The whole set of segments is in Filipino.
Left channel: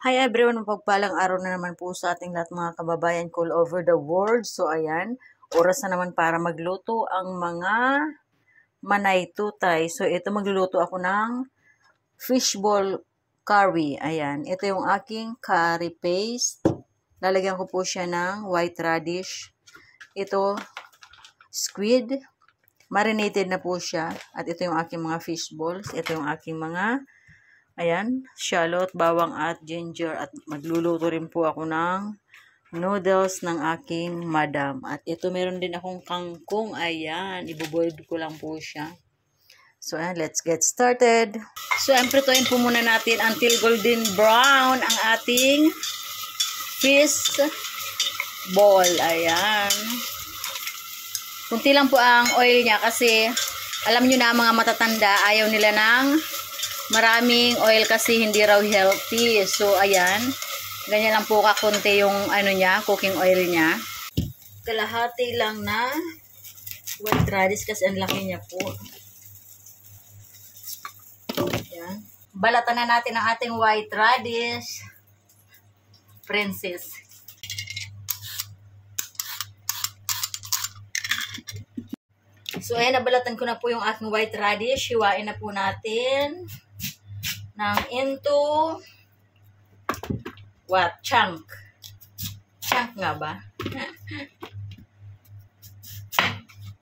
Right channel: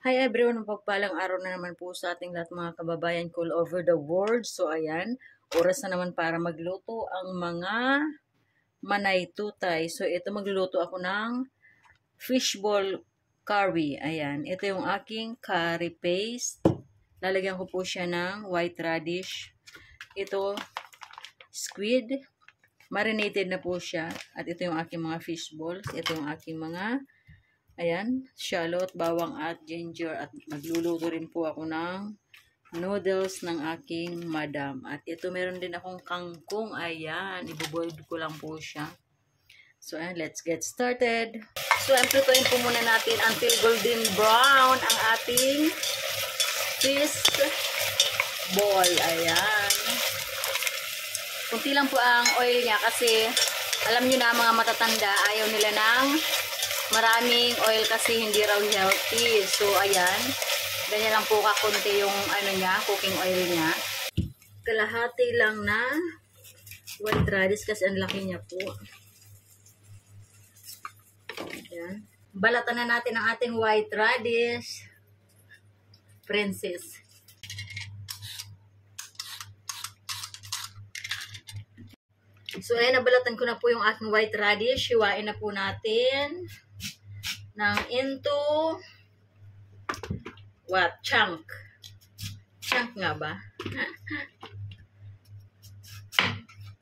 Hi everyone, mapagpalang araw na naman po sa ating lahat mga kababayan ko all over the world. So ayan, oras na naman para magluto ang mga manay tutay. So ito magluluto ako ng fishball curry. Ayan, ito yung aking curry paste. Lalagyan ko po siya ng white radish. Ito, squid. Marinated na po siya. At ito yung aking mga fishballs. Ito yung aking mga ayan, shallot, bawang at ginger. At magluluto rin po ako ng noodles ng aking madam. At ito meron din akong kangkong. Ayan, ibuboil ko lang po siya. So ayan, let's get started. So ayan, prituin po muna natin until golden brown ang ating fish ball. Ayan. Kunti lang po ang oil niya kasi alam niyo na mga matatanda, ayaw nila ng maraming oil kasi hindi raw healthy. So, ayan. Ganyan lang po kakunti yung ano niya, cooking oil niya. Kalahati lang na white radish kasi ang laki niya po. Ayan. Balatan na natin ang ating white radish. Princess. So, ayan, nabalatan ko na po yung ating white radish. Hiwain na po natin ng into what? Chunk. Chunk nga ba?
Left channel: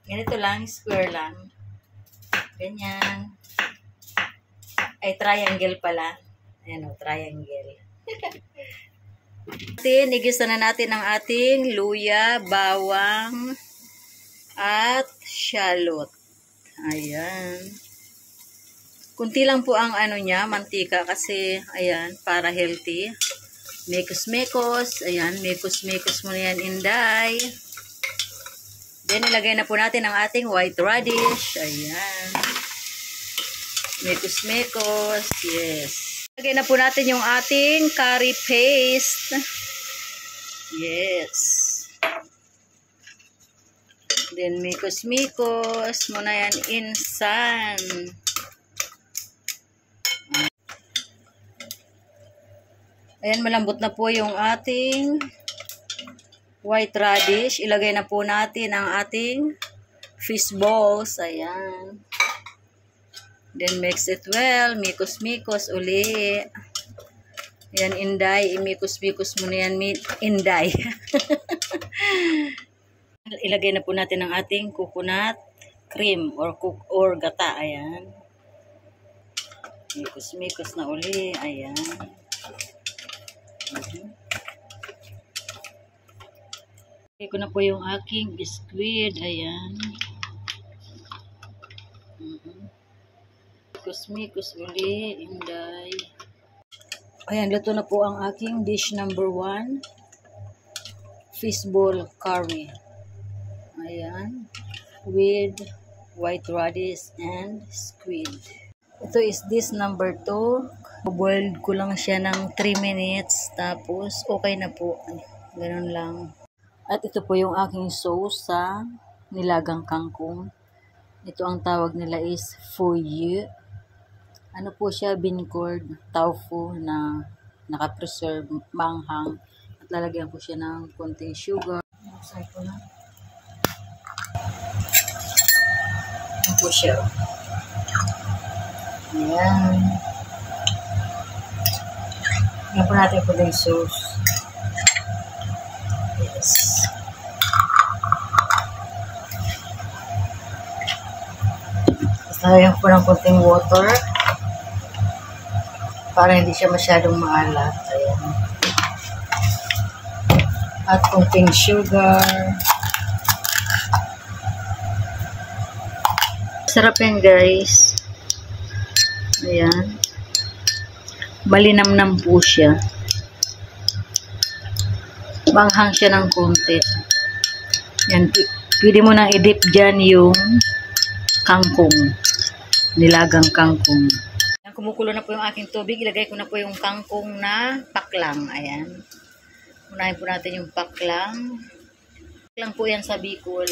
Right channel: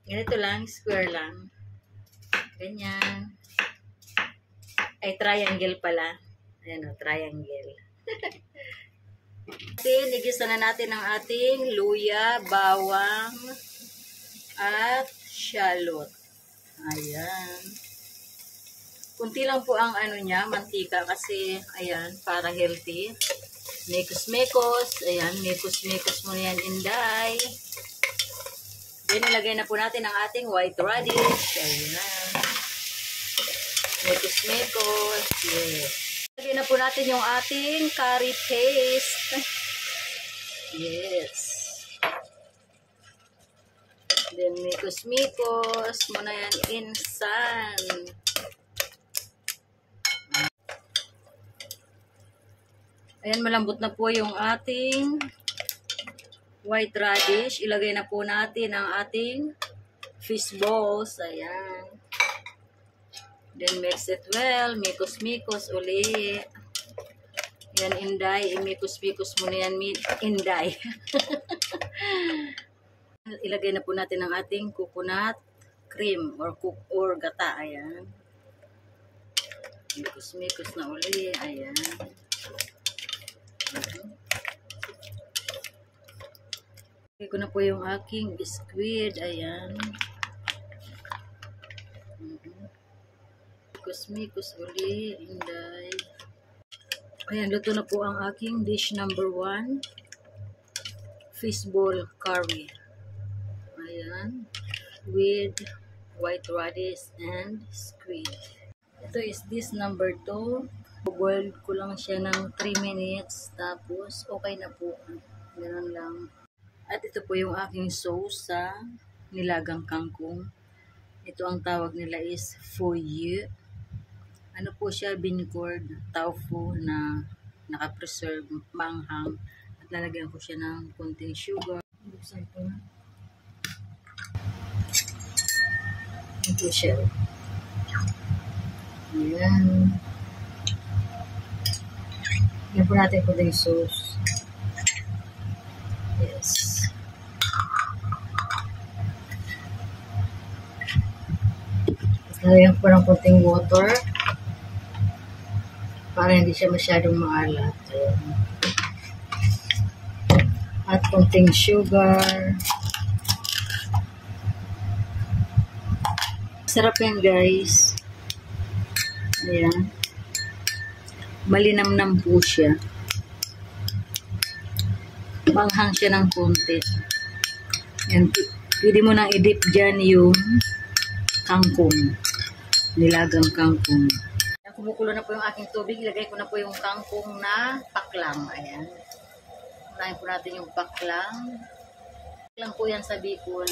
Ganito lang, square lang. Ganyan. Ay, triangle pala. Ayan o, triangle. Igisa na natin ang ating luya, bawang, at shallot. Ayan. Kunti lang po ang ano niya, mantika kasi, ayan, para healthy. Mekos-mekos. Ayan, mekos-mekos mo na yan, Inday. Then, ilagay na po natin ang ating white radish. Ayan. Mekos-mekos. Yes. Ilagay na po natin yung ating curry paste. Yes. Then, mekos-mekos mo na yan, insan. Ayan, malambot na po yung ating white radish. Ilagay na po natin ang ating fish balls. Ayan. Then, mix it well. Mikos-mikos uli. Ayan, Inday. Imikos-mikos mo na yan, Inday. Ilagay na po natin ang ating coconut cream or gata. Ayan. Mikos-mikos na uli. Ayan. Ilagay ko na po yung aking squid. Ayan. Mikos-mikos uli, Inday. Ayan, luto na po ang aking dish number 1. Fishball curry. Ayan. With white radish and squid. Ito is dish number 2. Boiled ko lang siya ng 3 minutes. Tapos, okay na po. Ganun lang. At ito po yung aking sauce sa nilagang kangkong. Ito ang tawag nila is fouille. Ano po siya? Bean curd, tofu na naka-preserve, manghang. At lalagyan ko siya ng konting sugar. Buksan ko na. Ano po siya? Ayan. Lagyan po natin po yung sauce. Yes. Tapos lagyan po ng konting water para hindi siya masyadong maalat. Ayan. At konting sugar. Sarap yan, guys. Ayan. Malinamnam po siya. Banghang siya ng konti. Yan. Pwede mo nang i-dip dyan yung kangkong. Nilagang kangkong. Yan, kumukulo na po yung aking tubig. Ilagay ko na po yung kangkong na paklang. Ayan. Unahin po natin yung paklang. Paklang po yan sa Bicol.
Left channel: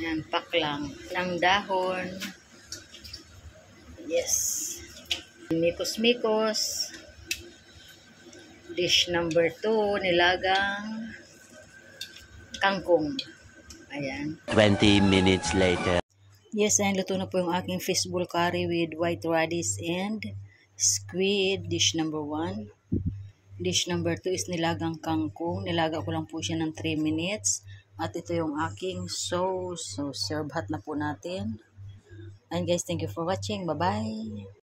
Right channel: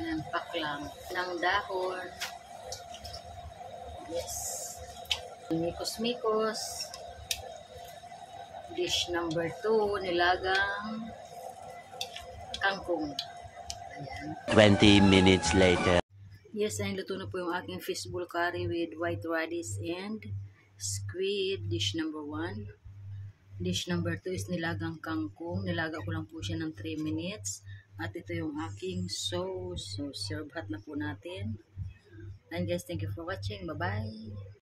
Ayan, paklang. Ng dahon. Yes. Mikos-mikos. Dish number 2, nilagang kangkong. Ayan. 20 minutes later. Yes, and luto na po yung aking fishball curry with white radish and squid. Dish number 1. Dish number 2 is nilagang kangkong. Nilaga ko lang po siya ng 3 minutes. At ito yung aking sauce. So, serve hot na po natin. And guys, thank you for watching. Bye-bye!